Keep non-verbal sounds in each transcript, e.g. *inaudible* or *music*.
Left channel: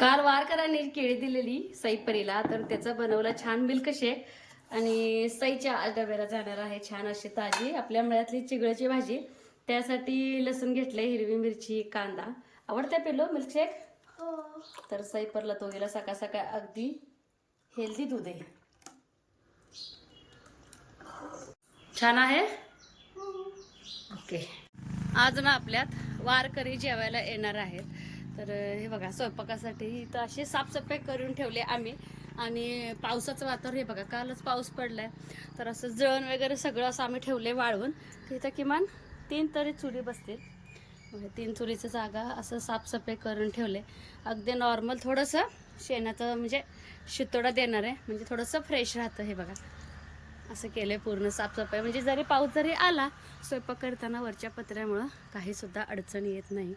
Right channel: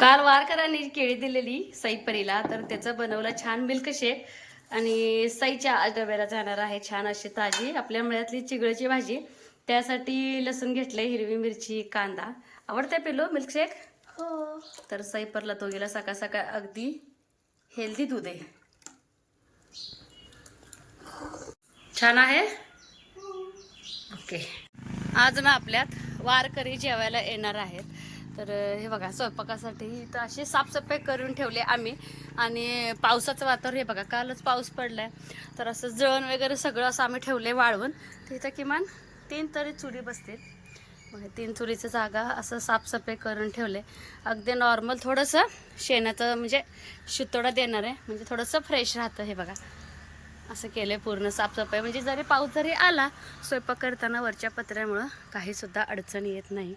काल वारकरांनी केळी दिलेली सईपरीला तर त्याचं बनवलं छान मिल्क शेक आणि सईच्या आज डब्याला जाणार आहे छान अशी ताजी आपल्या मळ्यातली चिगळची भाजी. त्यासाठी लसूण घेतलंय हिरवी मिरची कांदा. आवडते पिलो मिल्कशेक? तर सईपरला तो गेला सकाळ सकाळ अगदी हेल्दी दूध. आहे छान आहे? ओके. आज ना आपल्यात वारकरी जेवायला येणार आहेत. तर हे बघा स्वयंपाकासाठी इथं अशी साफसफाई करून ठेवले आम्ही. आणि पावसाचं वातावरण हे बघा कालच पाऊस पडला आहे तर असं जळण वगैरे सगळं असं आम्ही ठेवले वाळवून. तिथं किमान तीन तरी चुरी बसतील. मग तीन चुरीचं जागा असं साफसफाई करून ठेवले अगदी नॉर्मल थोडंसं शेणाचं म्हणजे शितोडा देणार आहे. म्हणजे थोडंसं फ्रेश राहतं हे बघा. असं केलं पूर्ण साफसफाई. म्हणजे जरी पाऊस जरी आला स्वयंपाक करताना वरच्या पत्र्यामुळं काहीसुद्धा अडचण येत नाही.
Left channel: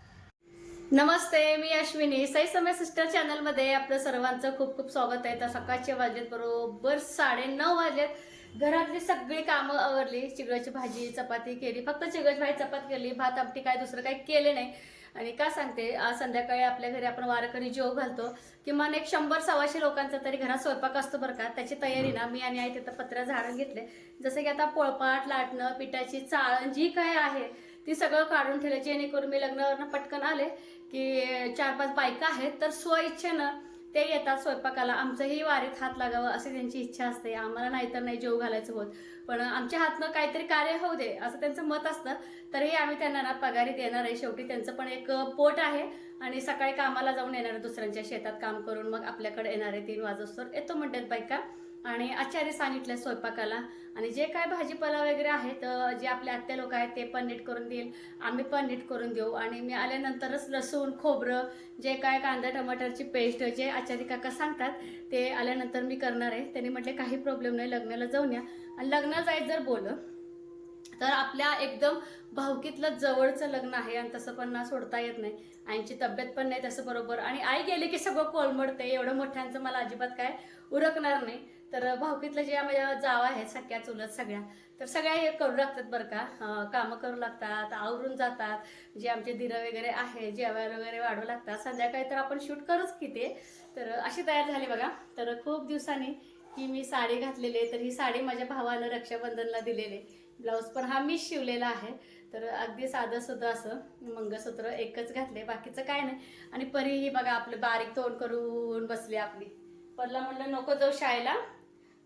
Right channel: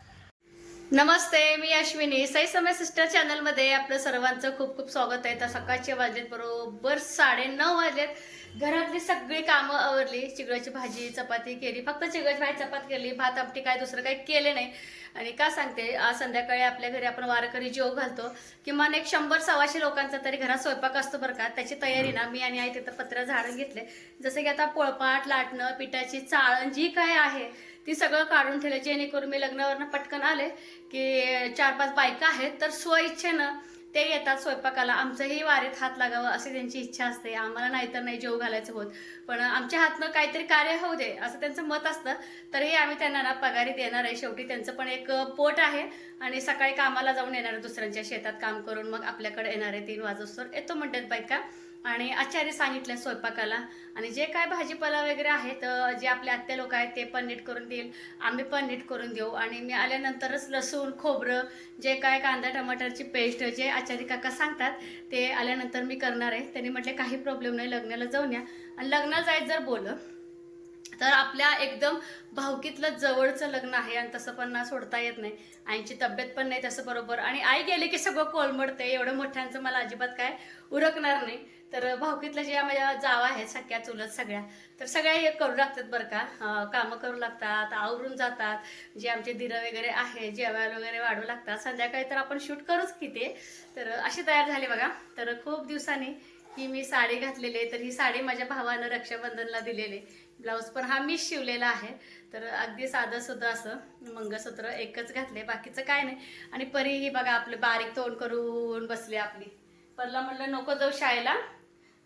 नमस्ते मी अश्विनी. साई समय सिस्टर चॅनलमध्ये आपलं सर्वांचं खूप खूप स्वागत आहे. तर सकाळचे वाजलेत बरोबर साडे नऊ वाजलेत घरातली सगळी कामं आवरली. चिगळाची भाजी चपाती केली. फक्त चिगळाची भाजी चपाती केली. भात आमटी काय दुसरं काही केले नाही. आणि का सांगते आज संध्याकाळी आपल्या घरी आपण वारकरी जेव घालतो. किमान एक शंभर सव्वाशे लोकांचा तरी घरात स्वयंपाक असतो बरं का. त्याची तयारी ना मी आणि आई तिथं पत्र झाडून घेतले. जसं की आता पोळपाट लाटणं पिठाची चाळण जी काय आहे ती सगळं काढून ठेवलं. जेणेकरून मी लग्नावरनं पटकन आले. की चार पाच बायका आहेत तर स्वइच्छेनं ते येतात स्वयंपाकाला. आमचंही वारीत हात लागावं अशी त्यांची इच्छा असते. आम्हाला नाहीतर नाही जेव घालायचं होत. पण आमच्या हातनं काहीतरी कार्य होऊ दे असं त्यांचं मत असतं. तरीही आम्ही त्यांना ना पगारी देणार आहे. शेवटी त्यांचं पण एक पोट आहे. आणि सकाळी कामाला जाऊन येणार आहे दुसऱ्यांच्या शेतात काम करून मग आपल्याकडे येणार आहे तीन वाजोस्तर येतो म्हणतात बायका. आणि आचार्य सांगितलं स्वयंपाकाला. आणि जे काय भाजीपाला वगैरे आहेत जे आपले आत्या लोक आहेत ते पण नीट करून देईल. आम्ही पण नीट करून देऊ. आणि मी आल्यानंतरच लसूण खोबरं जे काय कांदा टमाटरची पेस्ट जे आचार्य काका सांगतात ते आल्यानंतर मी करणार आहे. त्यांनी म्हटले काही प्रॉब्लेम नाही लग्नाला जाऊन या. आणि लग्नाला जायचं जर बोललं तर आपल्या एकदम भावकीतलं जवळचं लग्न आहे आणि तसं पण ना सोडता येत नाही. आईची तब्येत पण नाही तसं बरोबर. आणि आई गेली की सगळं कोलमडते एवढं मोठ्यांचं मला अजिबात काय उरकणार नाही. तर भावकीतलं जे माझ्या जावा आहेत सख्या चुलत सगळ्या तर सगळ्या हे करू लागतात बरं का. कामं करू लागतात आवरून जातात. जे आमचे दिरं वगैरे आहे जेवायला वगैरे वाढू लागतात. संध्याकाळी तर आपण शूट करूच की ते. तर अशी तयार झाली बघा. तर खूप दिवसांनी ही मी साडी घातलेली आहे. तर ही साडी माझ्या भावानं रक्षाबंधनला दिलेली आहे. ब्लाऊज पण हा मीच शिवलेला आहे. तर अगदी साधं सुद्धा असं मंगळसूत्र एकच घातले बाकीचं काय नाही. आणि परी ही बघा आपलं बारीक तोंड करून बसली आपली. परला म्हणलं नको जाऊ शाळेला.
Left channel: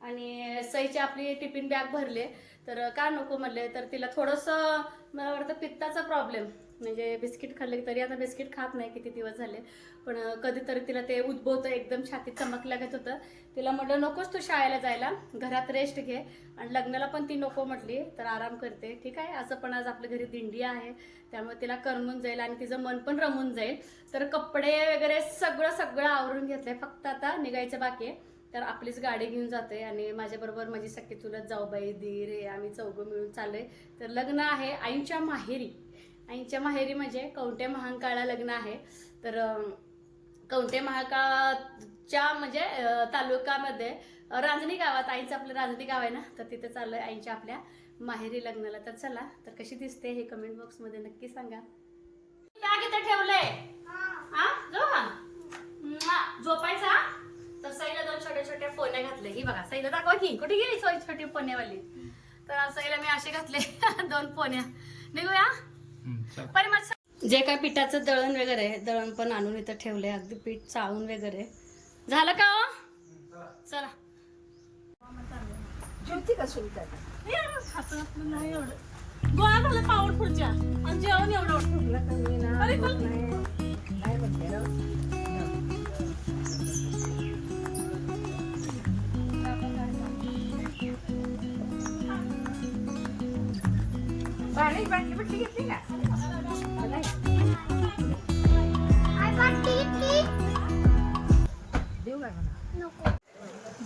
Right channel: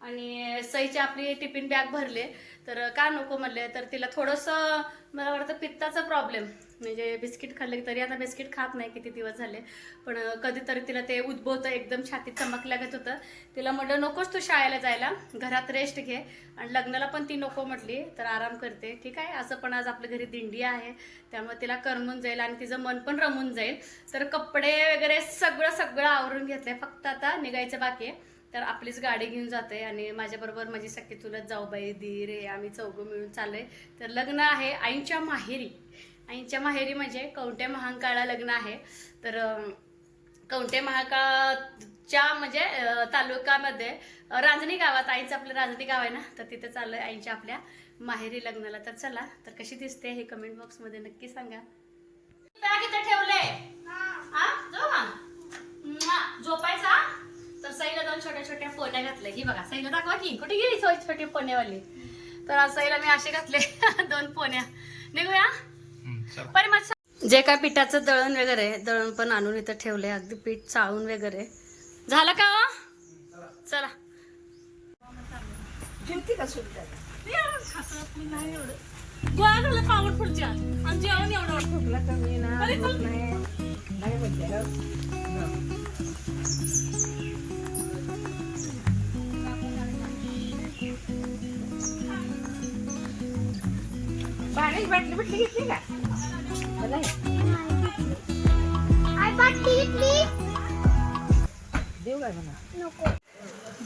आणि सईची आपली टिफिन बॅग भरले तर का नको म्हणले तर तिला थोडंसं मला वाटतं पित्ताचा प्रॉब्लेम म्हणजे बिस्किट खाल्ले तरी आता बिस्किट खात नाही किती दिवस झाले. पण कधीतरी तिला ते उद्भवतं एकदम छातीत चमक लागत होतं. तिला म्हटलं नकोच तू शाळेला जायला घरात रेस्ट घे. आणि लग्नाला पण ती नको म्हटली तर आराम करते. ठीक आहे असं पण आज आपल्या घरी दिंडी आहे त्यामुळे तिला करमून जाईल आणि तिचं मन पण रमून जाईल. तर कपडे वगैरे सगळं सगळं आवरून घेतलंय फक्त आता निघायचं बाकी आहे. तर आपलीच गाडी घेऊन जाते आणि माझ्याबरोबर माझी सख्खी चुलत जाऊबाई दीर हे आम्ही चौघं मिळून चाललोय. तर लग्न आहे आईंच्या माहेरी. आईंच्या माहेरी म्हणजे कवठे महांकाळा लग्न आहे. तर कवठे महाकाळच्या म्हणजे अं, रांजणी गावात आईचं आपलं रांजणी गाव आहे ना? तर तिथे चाललंय आईच्या आपल्या माहेरी लग्नाला. तर चला तर कशी दिसते हे कमेंट बॉक्समध्ये नक्की सांगा. बॅग इथं ठेवले हा. झोपायचा? तर सईला दोन छोट्या छोट्या पोण्या घातल्या ही बघा सईला दाखवा की कुठे गेली सोय छोटी पोण्यावाली तर सईला मी असे घातले दोन पोण्या निघूया जे काय पिठाचं दळण वगैरे दळण पण आणून इथं ठेवलंय अगदी पीठ चाळून वगैरे झालं का हो? चला गोळा झालं पावड पुढच्या आणि जेवण एवढं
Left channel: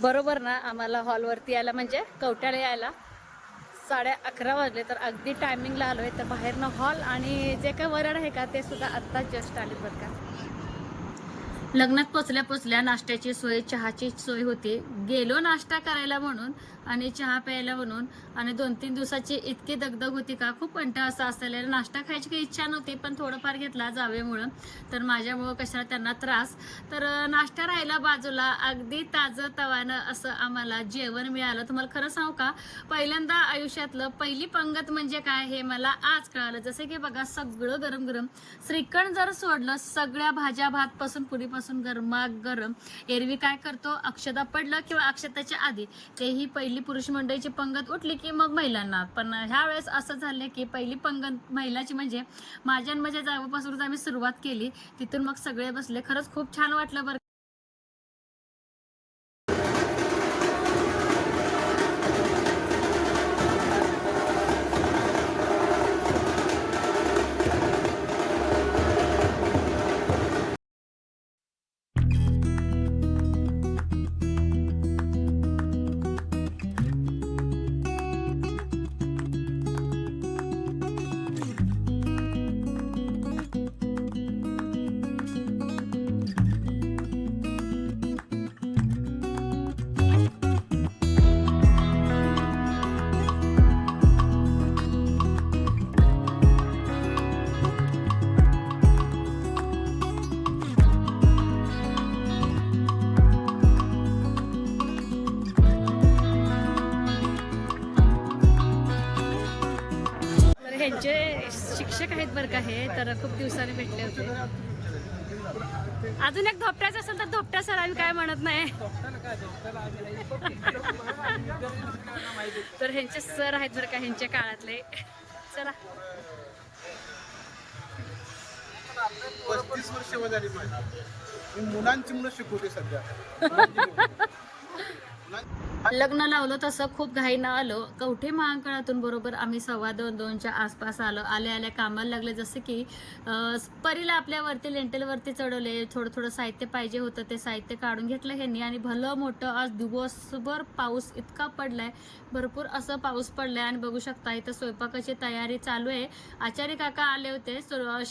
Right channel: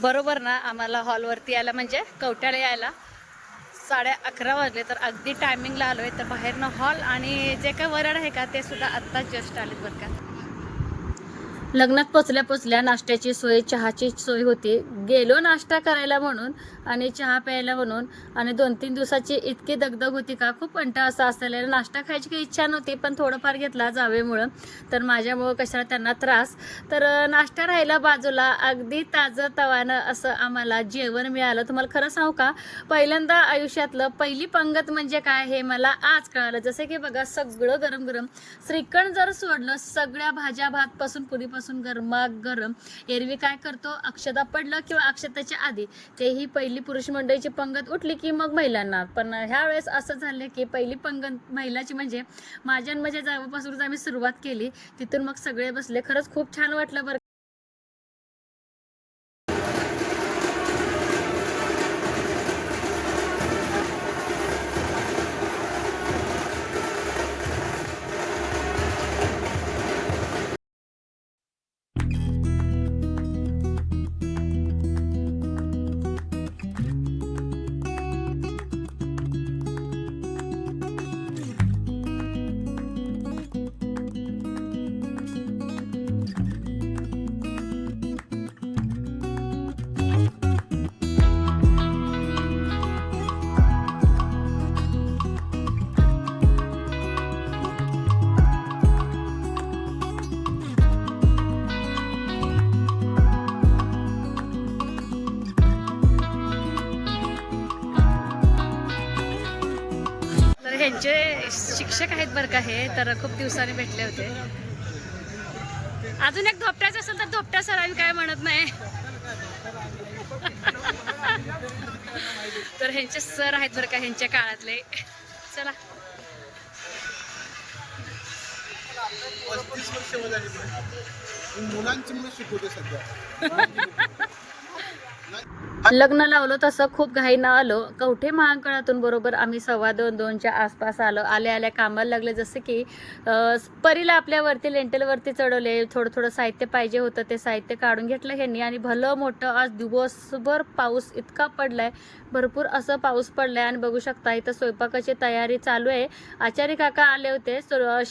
बरोबर ना आम्हाला हॉलवरती यायला म्हणजे कवट्याला यायला साडे अकरा वाजले तर अगदी टायमिंगला आलोय. तर बाहेरनं हॉल आणि जे काय वरड आहे का ते सुद्धा आत्ताच जस्ट आलेत बरं का. लग्नात पोचल्या पोचल्या नाश्त्याची सोय चहाची सोय होती. गेलो नाश्ता करायला म्हणून आणि चहा प्यायला म्हणून आणि दोन तीन दिवसाची इतकी दगदग होती का? खूप कंटाळा असा असलेला नाश्ता खायची काही इच्छा नव्हती पण थोडंफार घेतला जावेमुळं. तर माझ्यामुळं कशाला त्यांना त्रास. तर नाश्ता राहिला बाजूला. अगदी ताजं तवानं असं आम्हाला जेवण मिळालं. तुम्हाला खरं सांगू का? पहिल्यांदा आयुष्यातलं पहिली पंगत म्हणजे काय हे मला आज कळालं. जसं की बघा सगळं गरम गरम. श्रीखंड जर सोडलं सगळ्या भाज्या भात पासून पुरीपासून गरमा गरम. एरवी काय करतो? अक्षता पडलं किंवा अक्षताच्या आधी? ते ही पहिली पुरुष मंडळीची पंगत उठली की मग महिलांना. पण ह्या वेळेस असं झालं की पहिली पंगत महिलाची म्हणजे माझ्या माझ्या जागेपासूनच आम्ही सुरुवात केली. तिथून मग सगळे बसले. खरंच खूप छान वाटलं बरं शिक्षक आहेत बरं का हे तर खूप दिवसांनी भेटले होते. अजून एक धोपट्याचं असेल तर धोपट्या सर आम्ही काय म्हणत नाही. तर ह्यांचे सर आहेत बरं का ह्यांच्या काळातले. चला. पस्तीस वर्ष वर झाली मला. मी मुलांची मुलं शिकवते सध्या. *laughs* लग्न लावलं तसं खूप घाईनं आलो. कवठे महांकाळातून बरोबर आम्ही सव्वा दोन दोनच्या आसपास आलो. आल्या आल्या कामाला लागले जसं की परीला आपल्यावरती लेंटेलवरती चढवले. थोडं थोडं साहित्य पाहिजे होतं ते साहित्य काढून घेतलं ह्यांनी. आणि भलं मोठं आज दिवसभर पाऊस इतका पडलाय. भरपूर असं पाऊस पडलाय. आणि बघू शकता इथं स्वयंपाकाची तयारी चालू आहे. आचार्य काका आले होते.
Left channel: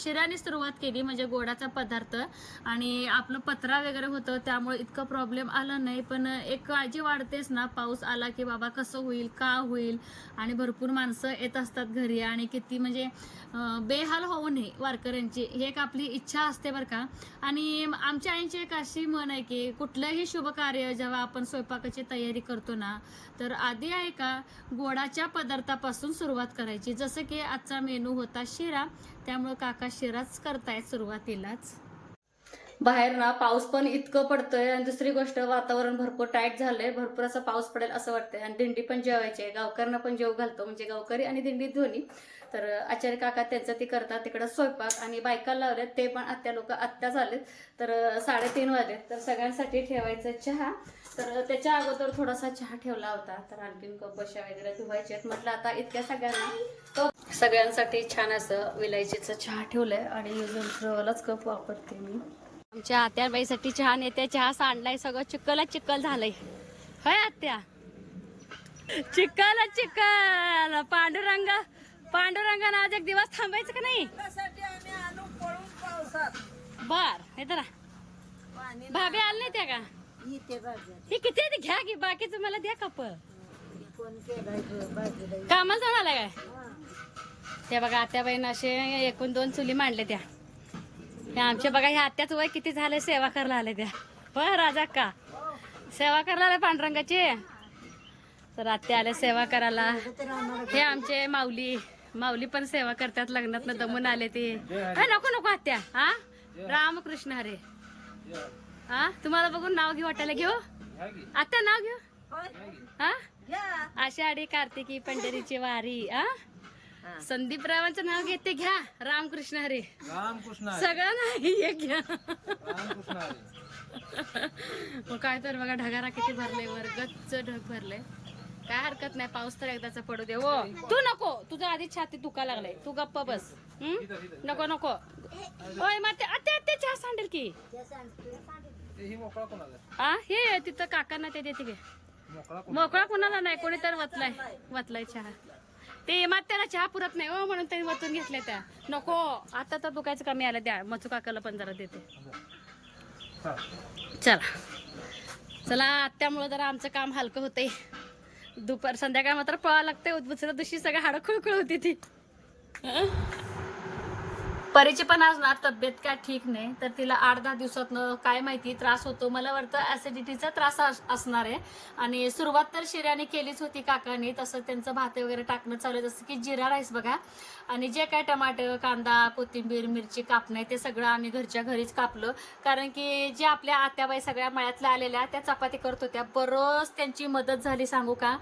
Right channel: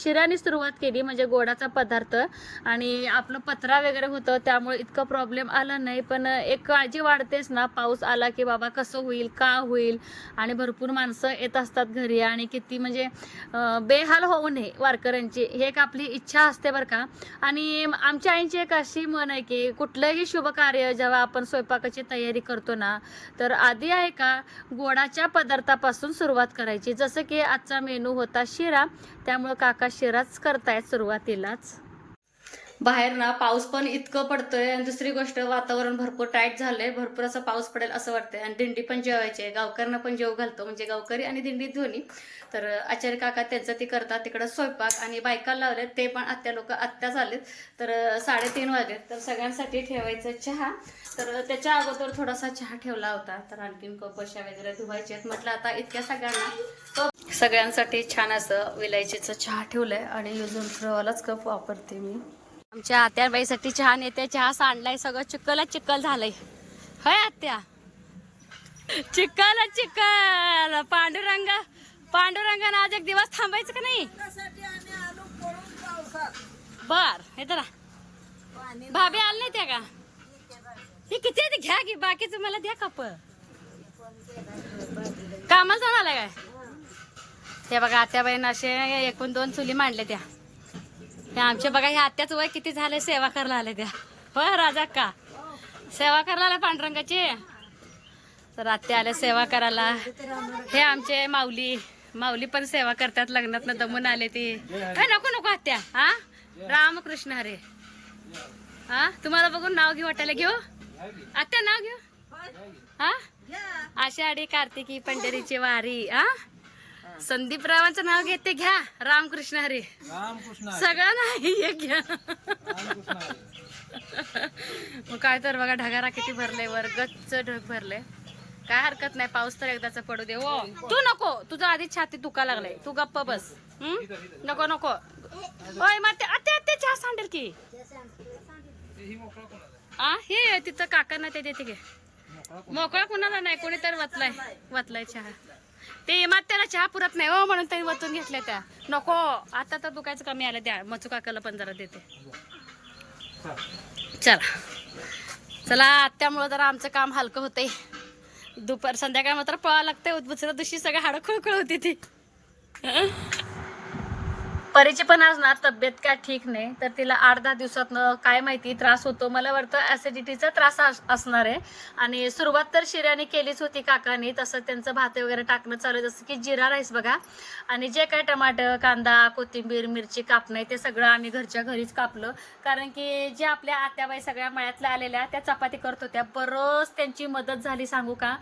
शिराने सुरुवात केली म्हणजे गोडाचा पदार्थ. आणि आपलं पत्रा वगैरे होतं त्यामुळे इतकं प्रॉब्लेम आला नाही. पण एक काळजी वाढतेच ना. पाऊस आला की बाबा कसं होईल का होईल? आणि भरपूर माणसं येत असतात घरी आणि किती म्हणजे बेहाल होऊ नये वारकऱ्यांची. हे एक आपली इच्छा असते बरं का. आणि आमच्या आईची एक अशी म्हण आहे की कुठलंही शुभ कार्य जेव्हा आपण स्वयंपाकाची तयारी करतो ना तर आधी आहे का गोडाच्या पदार्थापासून सुरुवात करायची. जसं की आजचा मेनू होता शिरा त्यामुळे काका शिराच करतायत सुरुवातीलाच. बाहेर ना पाऊस पण इतकं पडतोय आणि दुसरी गोष्ट वातावरण भरपूर टाईट झालंय भरपूर असं पाऊस पडेल असं वाटतंय. आणि दिंडी पण जेवायची आहे. गावकऱ्यांना पण जेव घालतो म्हणजे गावकरी आणि दिंडी दोन्ही तर आचार्य काका त्यांचं ते करतात तिकडं स्वयंपाक आणि बायका लावल्यात ते पण आत्या लोक आत्या झालेत. तर साडेतीन वाजलेत तर सगळ्यांसाठी ठेवायचं चहा. तर त्याच्या अगोदर थोडासा चहा ठेवला होता. तर आणखीन कपशा वगैरे धुवायचे आहेत. म्हटलं आता इतक्या सगळ्यांना कप सगळ्यांसाठी छान असं विलायचीचं चहा ठेवलंय. आणि युजून थ्रोवालाच कप वापरते मी. आमच्या आत्याबाईसाठी चहा नेते चहा सांडलाय सगळं चिक्कलच चिक्कल झालंय. होय आत्या? चिक्कल चिक्कल पांडुरंग पांडुरंगानं आज एक दिवस थांबायचं का नाही? बर हे तर भाभी आले नाही त्या का? हे किती घ्या की बाकीचं मला द्या कप. कामाला आलाय काय? ते बघा आत्याबाईनं असे एकूण दोन चुली मांडले त्या. त्या आमच्या बघा ह्या आत्याच वय किती झाले सेवा करायला आले त्या. होय राजा का? सेवा करायला आल्या पांडुरंगाची? तर आत्या आल्या सेवा करायला. हे आमचे माऊली माऊली पण सेवा करतात लग्नात दमून आले ते. नको नको आत्या. हा? रामकृष्ण हरे. हा? तुम्हाला बघून नाव घेऊ वाटायला घेऊ? आत्या नाव घेऊ? हा? आषाढी कार्तिकी पंढरीची वारी. हा? संदीप रावांचं नाव घेते घ्या. रामकृष्ण हरे. रामकृष्ण सगळं नाही हे घ्या. रामकृष्ण मग काय तर बघा ढगारा किती भरले वर गच्च ढग भरले. काय हरकत नाही पाऊस तर एकदाचा पडू दे. हो तू नको तुझं आधीच छाती दुखा लागलाय. तू गप्प बस. हं? नको नको. ओय माते आते आते चहा सांडेल की. ही आ हे तिथं काकांना ते देते घे मोकळा मोकळा कुणाला नाही कोणी तर वतलाय वतलाय चहा. ते मात्याला चहा पुरत नाही हो म्हणून त्यांनी वतून घेतल्या त्या. नको आता तर दुखायचं कमी आलं द्या. मचू काकाला पण जरा देते. चला. चला त्यामुळं जरा आमचं काम हलकं होतंय. दुपार संध्याकाळ मात्र पळा लागतंय दुसऱ्या दिवशी सगळ्या हाडं खुळखुळ होती ती. परीची पण आज ना तब्येत काय ठीक नाही तर तिला आठ दहा दिवसात काय माहिती त्रास होतो. मला वाटतं ऍसिडिटीचा त्रास अस- असणार आहे. आणि सुरुवात तर शिऱ्याने केलीच होती काकानी तसं त्यांचं भात वगैरे टाकणं चालू आहे. जसं की जिरा राईस बघा. आणि जे काय टमाटर कांदा कोथिंबीर मिरची कापणं आहे ते सगळं आम्ही घरच्या घरीच कापलं. कारण की जे आपल्या आत्याबाई सगळ्या मळ्यातल्या आलेल्या त्या चपाती करत होत्या. बरंच त्यांची मदत झाली सांगू का?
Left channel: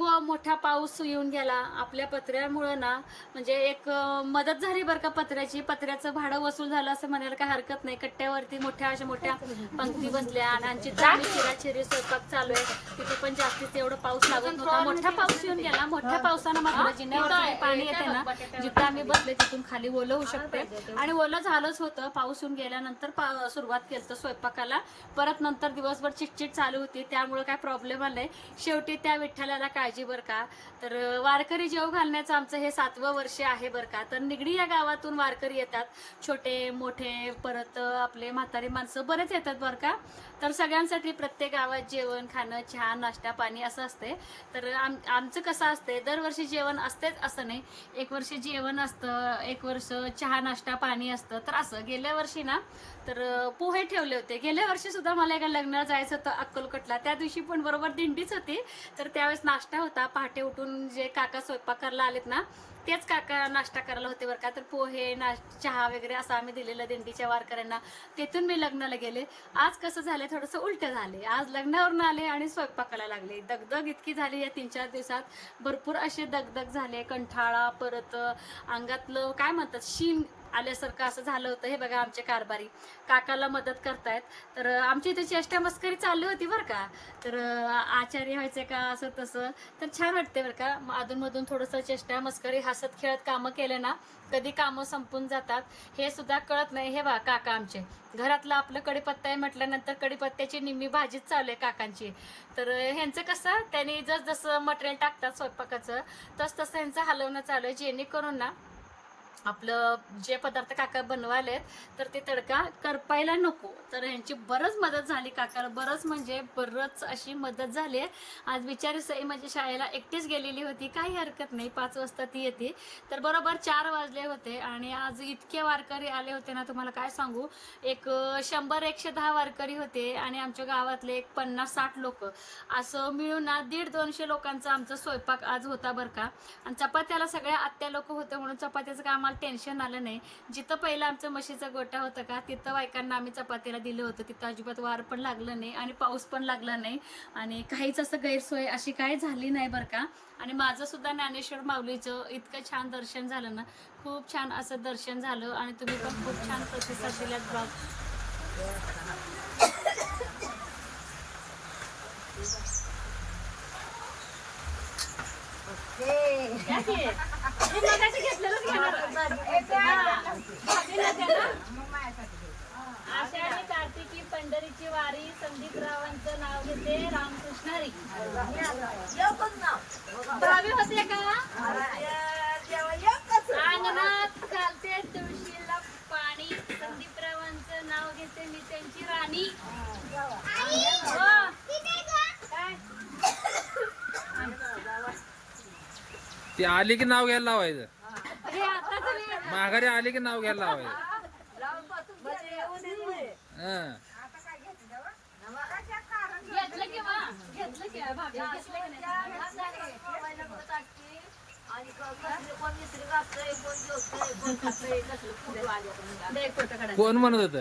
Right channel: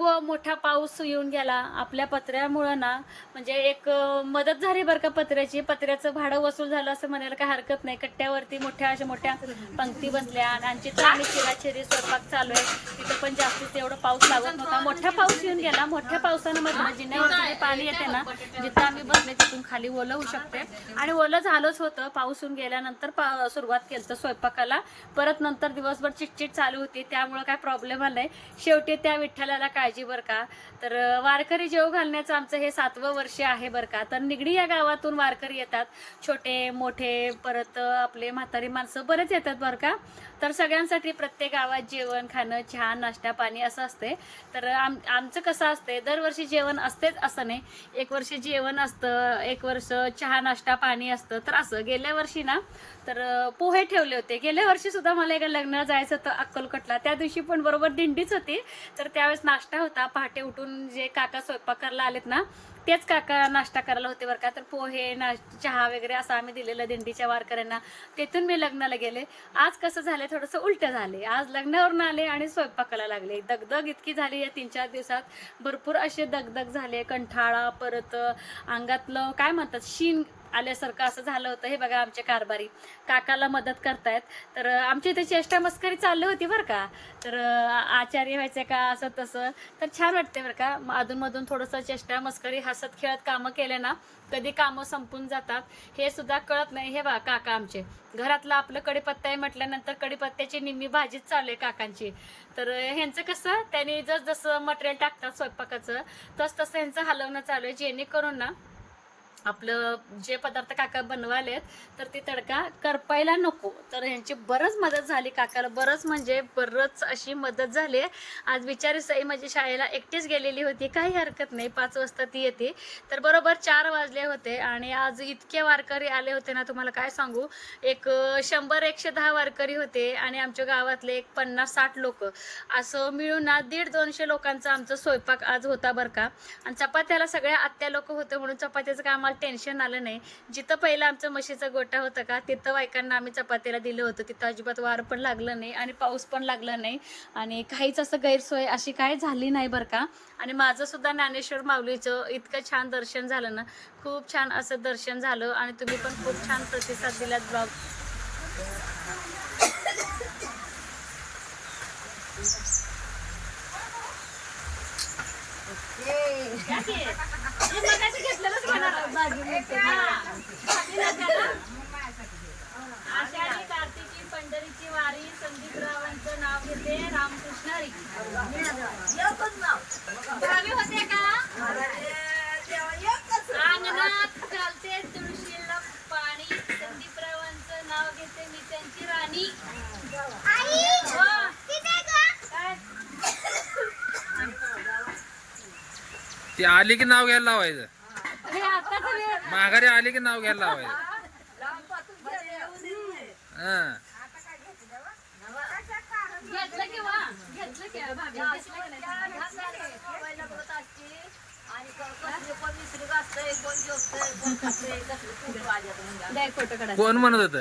इतकं मोठा पाऊस येऊन गेला. आपल्या पत्र्यामुळं ना म्हणजे एक मदत झाली बरं का पत्र्याची. पत्र्याचं भाडं वसूल झालं असं म्हणायला काय हरकत नाही. कट्ट्यावरती मोठ्या अशा मोठ्या पंक्ती बसल्या आणि आमची तर आम्ही चिराचिरी स्वयंपाक चालू आहे. तिथं पण जास्तीत एवढं पाऊस लागत नव्हता. मोठा पाऊस येऊन गेला. मोठ्या पावसानं मात्र जिन्यावरती पाणी येते ना जिथं आम्ही बसले तिथून खाली ओलं होऊ शकते. आणि ओलं झालंच होतं. पाऊस येऊन गेल्यानंतर सुरुवात केलं स्वयंपाकाला. परत नंतर दिवसभर चिटचिट चालू होती. त्यामुळे काय प्रॉब्लेम आलाय शेवटी त्या विठ्ठलाला काळजी बरं का? तर वारकरी जेव घालण्याचं आमचं हे सातवं वर्ष आहे बरं का? तर निगडी या गावातून वारकरी येतात. छोटे मोठे परत आपले म्हातारी माणसं बरेच येतात बरं का? तर सगळ्यांसाठी प्रत्येक गावात जेवण खाणं चहा नाश्ता पाणी असं असते. तर आम आमचं कसं असते दरवर्षी जेवण असतेच असं नाही. एक वर्ष जेवण असतं एक वर्ष चहा नाश्ता पाणी असतं. तर असं गेल्या वर्षी ना तर पोहे ठेवले होते. गेल्या वर्षी सुद्धा मला एका लग्नाला जायचं होतं अक्कलकोटला. त्या दिवशी पण बरोबर दिंडीच होती. तर त्यावेळेस नाश्ता होता. पहाटे उठून जे काका स्वयंपाक करायला आलेत ना तेच काका नाश्ता करायला होते बरं का. तर पोहे नाश चहा वगैरे असं आम्ही दिलेलं दिंडीच्या वारकऱ्यांना. तिथून मी लग्नाला गेले. आज कसं झालं थोडंसं उलटं झाले आज लग्नावरून आले आणि स्वयंपाकाला लागले. दगदग इतकी झाली या तीन चार दिवसात. भरपूर असे दगदग झाले. कंठाळा परत अंगातलं काय म्हणतात शीन आल्यासारखं असं झालं होतं. हे बघा आमचे कारभारी काकाला मदत करतायत. तर आमची इथे चेष्टा मस्करी चालली होती बरं का. तर आचार्य व्हायचे का असं तसं. तर छान वाटते बरं का. म- अधूनमधून थोडंसं चेष्टा मस्करी हसत खेळत कामं केले ना कधी कामं संपून जातात. हे सुद्धा कळत नाही. हे बा काका आमचे. घरातलं आपलं कडीपत्ता आहे म्हटल्यानंतर कडीपत्त्याची निम्मी भाजीच चालू आहे काकांची. तर ह्यांचं कसं त्यांनी जसजसं मटेरियल टाकतात स्वयंपाकाचं तस तसं ह्यांचं हलवणं चालू आहे. जेणेकरून ना आपलं जे पदार्थ काका बनवालेत तर ते तडका करपायला नको. तर ह्यांची बरंच मदत झाली काकाला. बरंच म्हणजे बरंच अशी मदत झाली. आज बिचारी सई माझी शाळेला एकटीच गेलेली होती. काही हरकत नाही. पाच वाजता ती येते. तर बरोबर चार वाजले होते आणि आज इतके वारकरी आले होते ना तुम्हाला काय सांगू? एक शंभर एकशे दहा वारकरी होते आणि आमच्या गावातले एक पन्नास साठ लोक. असं मिळून ना दीड दोनशे लोकांचा आमचा स्वयंपाक आज होता बरं का. आणि चपात्याला सगळ्या आत्या लोक होते म्हणून चपात्याचं काम आम्हाला टेन्शन आलं नाही. जिथं पहिलं आमचं म्हशीचा गोटा होता का तिथं बायकांना आम्ही चपातीला दिलं होतं तिथं अजिबात वार पण लागलं नाही आणि पाऊस पण लागला नाही. आणि काहीच असं गैरसोय अशी काही झाली नाही बरं का. आणि माझं सुद्धा ज्ञानेश्वर माऊलीचं इतकं छान दर्शन झालं ना. खूप छान असं दर्शन झालं आणि तुम्ही पण खूप छान प्रतिसाद दिलात ब्लॉग आषाढी कार्तिकी पंढरीची वारी संदीपरावांचं नाव घेते रामकृष्ण हरी भावी होते का? अंगणात चालते तुळशीला पाणी. संदीपरावांचं नाव घेते मी त्यांची राणी हो. काय? ती आली की नाव घ्यायला लावायचं हे. माघारी आली की नाव घ्यायला लावायचं हं. घेतलं की वा? घेतलं की भाभी? घेतलं की नाही? द्या एक फोटो काढा. कोण म्हणत होत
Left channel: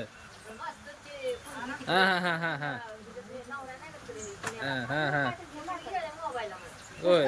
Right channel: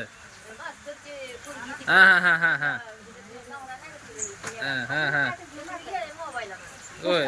हा हा हा हा हा हा हा हा होय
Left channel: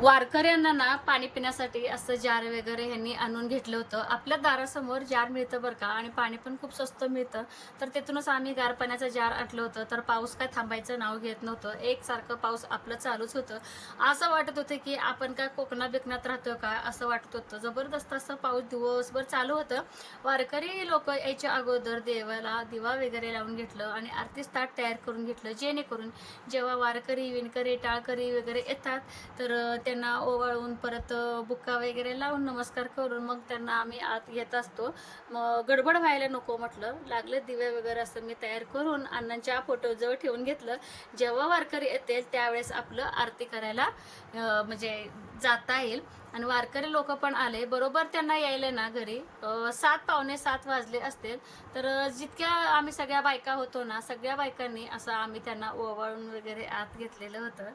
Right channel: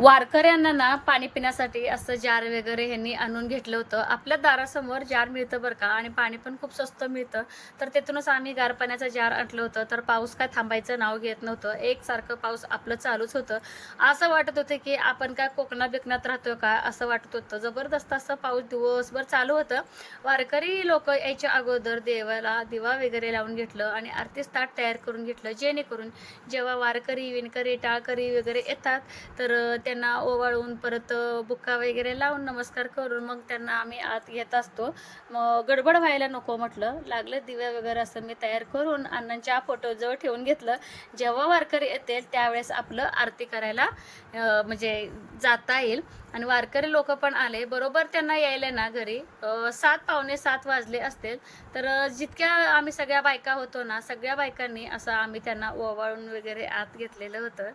वारकऱ्यांना ना पाणी पिण्यासाठी असं जार वगैरे ह्यांनी आणून घेतलं होतं. आपल्या दारासमोर जार मिळतं बरं का? आणि पाणी पण खूप स्वस्त मिळतं. तर तिथूनच आम्ही गार पाण्याचं जार आणलं होतं. तर पाऊस काय थांबायचं नाव घेत नव्हतं. एकसारखं पाऊस आपलं चालूच होतं. असं वाटत होतं की आपण काय कोकणात बिकणात राहतो का? असं वाटत होतं. जबरदस्त असं पाऊस दिवसभर चालू होतं. वारकरी लोक यायच्या अगोदर देवाला दिवा वगैरे लावून घेतलं आणि आरती ताट तयार करून घेतलं. जेणेकरून जेव्हा वारकरी विणकरी टाळकरी वगैरे येतात तर त्यांना ओवाळून परत बुक्का वगैरे लावून नमस्कार करून मग त्यांना आम्ही आत घेत असतो. मग गडबड व्हायला नको म्हटलं. लागले दिवे वगैरे असं मी तयार करून अण्णांच्या फोटोजवळ ठेवून घेतलं. जेव्हा वारकरी येतील त्यावेळेस आपलं आरती करायला म्हणजे जाता येईल. आणि वारकरी लोक पण आले. बरोबर त्यांना यायला ना घरी. सात पावणे सात वाजले असतील. तर जितक्या आम्ही सगळ्या बायका होतो ना सगळ्या बायकांनी असं आम्ही त्यांना ओवाळून वगैरे आत घेतलेलं होतं.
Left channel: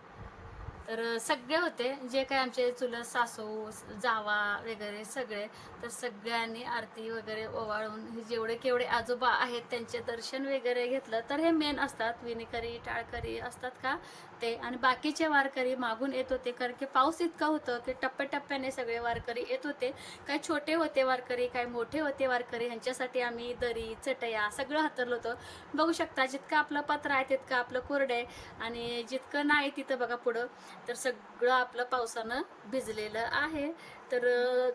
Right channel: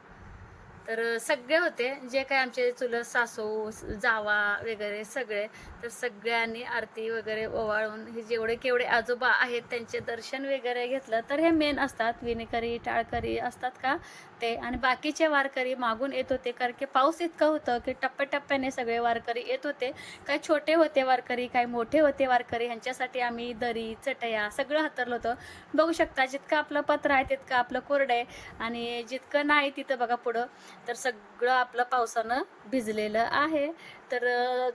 तर सगळे होते जे काही आमचे चुलत सासू जावा वगैरे सगळे तर सगळ्यांनी आरती वगैरे ओवाळून हे जेवढे केवढे आजोबा आहेत त्यांचे दर्शन वगैरे घेतलं तर हे मेन असतात. विणकरी टाळकरी असतात का? ते. आणि बाकीचे वारकरी मागून येत होते कारण की पाऊस इतका होतं की टप्प्याटप्प्याने सगळे वारकरी येत होते. काही छोटे होते वारकरी काही मोठे होते वारकरी ह्यांच्यासाठी आम्ही दरी चटया सगळं हातरलं होतं. बघू शकता जितकं आपलं पत्र आहे तितकं आपलं कोरडं आहे. आणि जितकं नाही तिथं बघा पुढं तर सगळं आपलं पावसानं भिजलेलं आहे. तर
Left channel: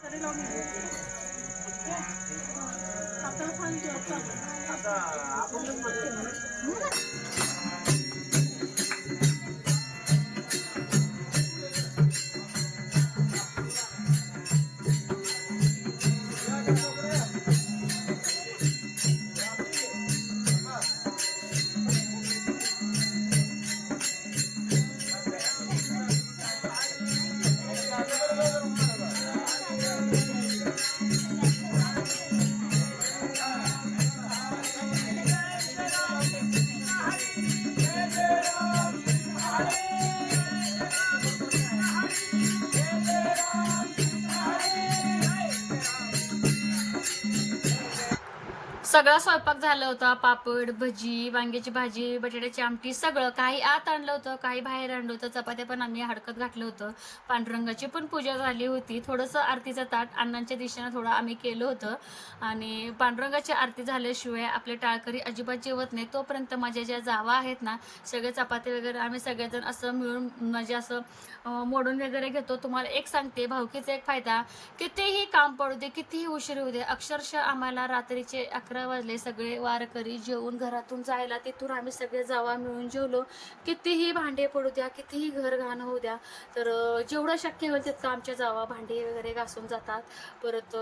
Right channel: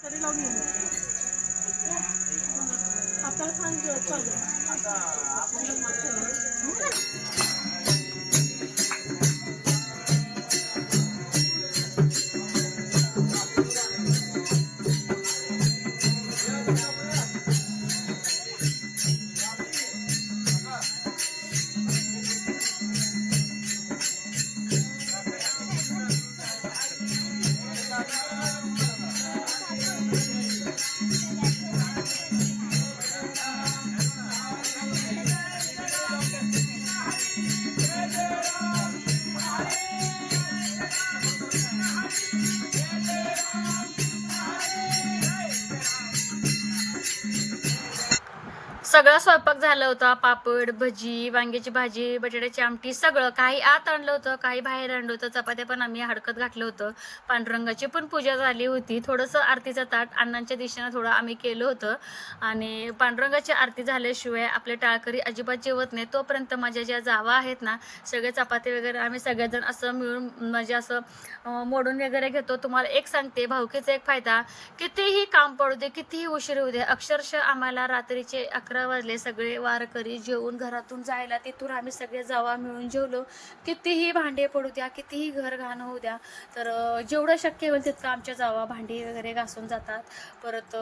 それが見える。आता सांगते आता आपण सगळा स्वयंपाक झाला होता. पापड भजी वांग्याची भाजी बटाट्याची आमटी सगळं. काही आत आणलं होतं काही बाहेर आणलं होतं. चपात्या पण आम्ही हडकत घातलं होतं. पांडुरंगाची पण पूजा झाली होती. थोडंसं आरतीचं ताट अण्णांच्या दिशेनं थोडं आम्ही केलं होतं. आणि पांडुरंगाची आरती झाल्याशिवाय आपले टाळकरी अजिबात जेवत नाही तोपर्यंत माझ्या ज्या जावा आहेत ना सगळे चपाती वगैरे आम्ही सगळेजण असं मिळून म्हणजे असं मोडून वगैरे घेतो. तुम्हाला एक सांगते भाऊकीचा एक फायदा कितीही काम पडू दे कितीही उशीर होऊ दे अक्षरशः आम्हाला रात्रीचे अकरा वाजले सगळे वारकरी जेवून घरातून जायला तिथून आम्ही सगळे जावा मिळून जेवलो. कितीही भांडे पडू द्या कितीही घर घाण होऊ द्या तर जेवढं शक्य होईल तितकं आमच्या जावा भांडी वगैरे घासून जातात. परत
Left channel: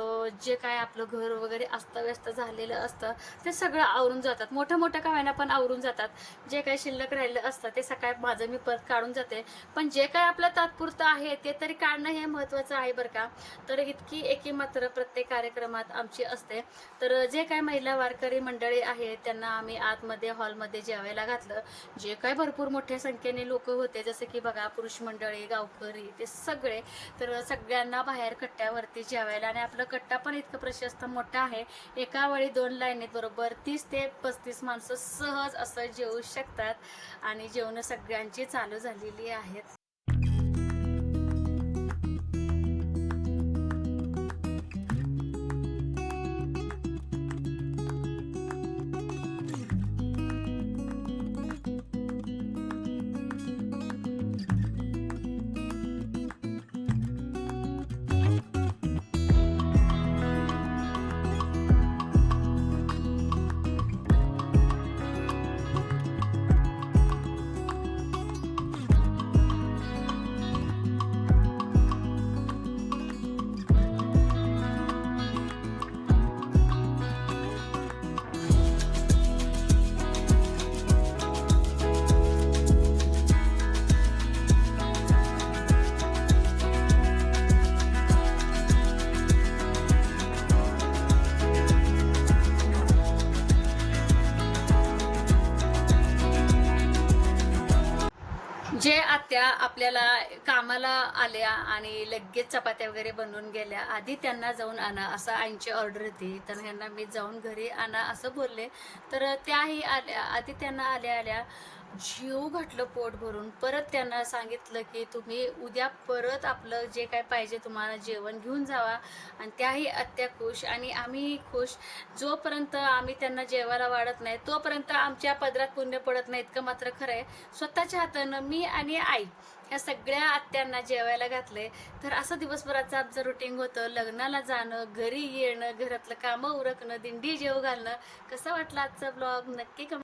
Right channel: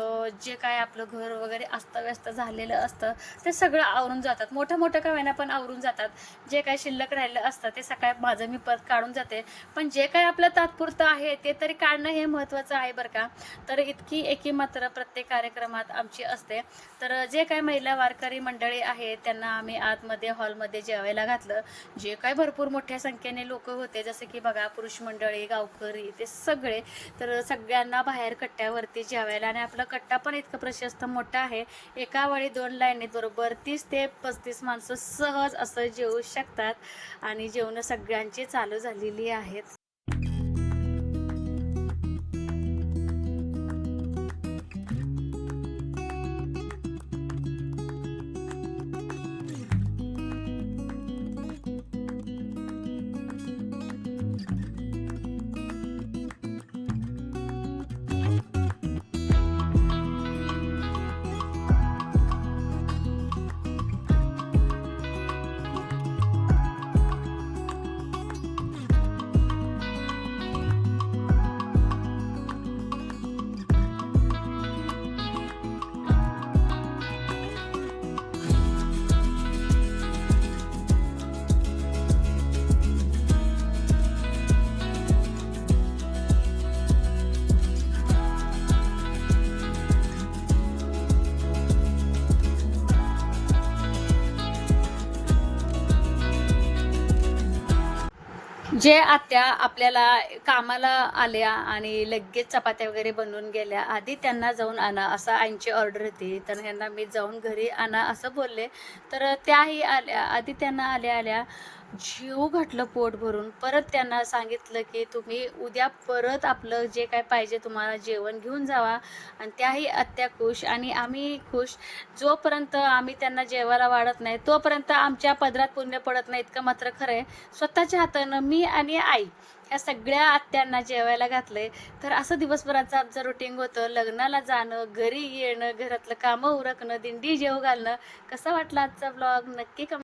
जे काय आपलं घर वगैरे अस्तव्यस्त झालेलं असतं ते सगळं आवरून जातात. मोठं मोठं का होईना पण आवरून जातात. जे काय शिल्लक राहिलं असतं ते सकाळी माझं मी परत काढून जाते. पण जे काय आपलं तात्पुरतं आहे ते तरी काढणं हे महत्त्वाचं आहे बरं का. तर इतकी एकी मात्र प्रत्येक कार्यक्रमात आमची असते. तर जे काय महिला वारकरी मंडळी आहेत त्यांना आम्ही आतमध्ये हॉलमध्ये जेवायला घातलं. जे काय भरपूर मोठ्या संख्येने लोक होते जसं की बघा पुरुष मंडळी गावकरी ते सगळे. तर सगळ्यांना बाहेर कट्ट्यावरती जेवायला आणि आपला कट्टा पण इतकं प्रशस्त मोठा आहे. एका वेळी दोन लाईनीत बरोबर तीस ते पस्तीस माणसं सहज असं जेवू शकतात आणि जेवणं सगळ्यांची चालू झालेली आहेत. जे आत्या आपल्याला कामाला आल्या आणि लगेच चपात्या वगैरे बनवून गेल्या आधी त्यांना जाऊन आणा असं आईंची ऑर्डर होती. तर ह्यांना मी जाऊन घरी आणा असं बोलले. तर त्याही आल्या आधी त्यांना आल्या आल्या. जीव घातलं पोट भरून. परत त्यांना सांगितलं की तुम्ही उद्या परत आपलं जे काय पाहिजे तुम्हाला जेवण घेऊन जावा आणि त्याही आत्या खुश आणि आम्ही खुश. जोपर्यंत आम्ही त्यांना जेवायला वाढत नाही तोपर्यंत आमच्या पदरात पुण्य पडत नाही इतकं मात्र खरं आहे स्वतःच्या हातानं मी आणि आई या सगळ्या आत्यांना जेवायला घातलंय. तर असं दिवसभराचं आमचं रुटीन होतं. लग्नाला जाणं घरी येणं घरातलं कामं उरकणं दिंडी जेव घालणं. कसं वाटलं आजचा ब्लॉग नक्की कम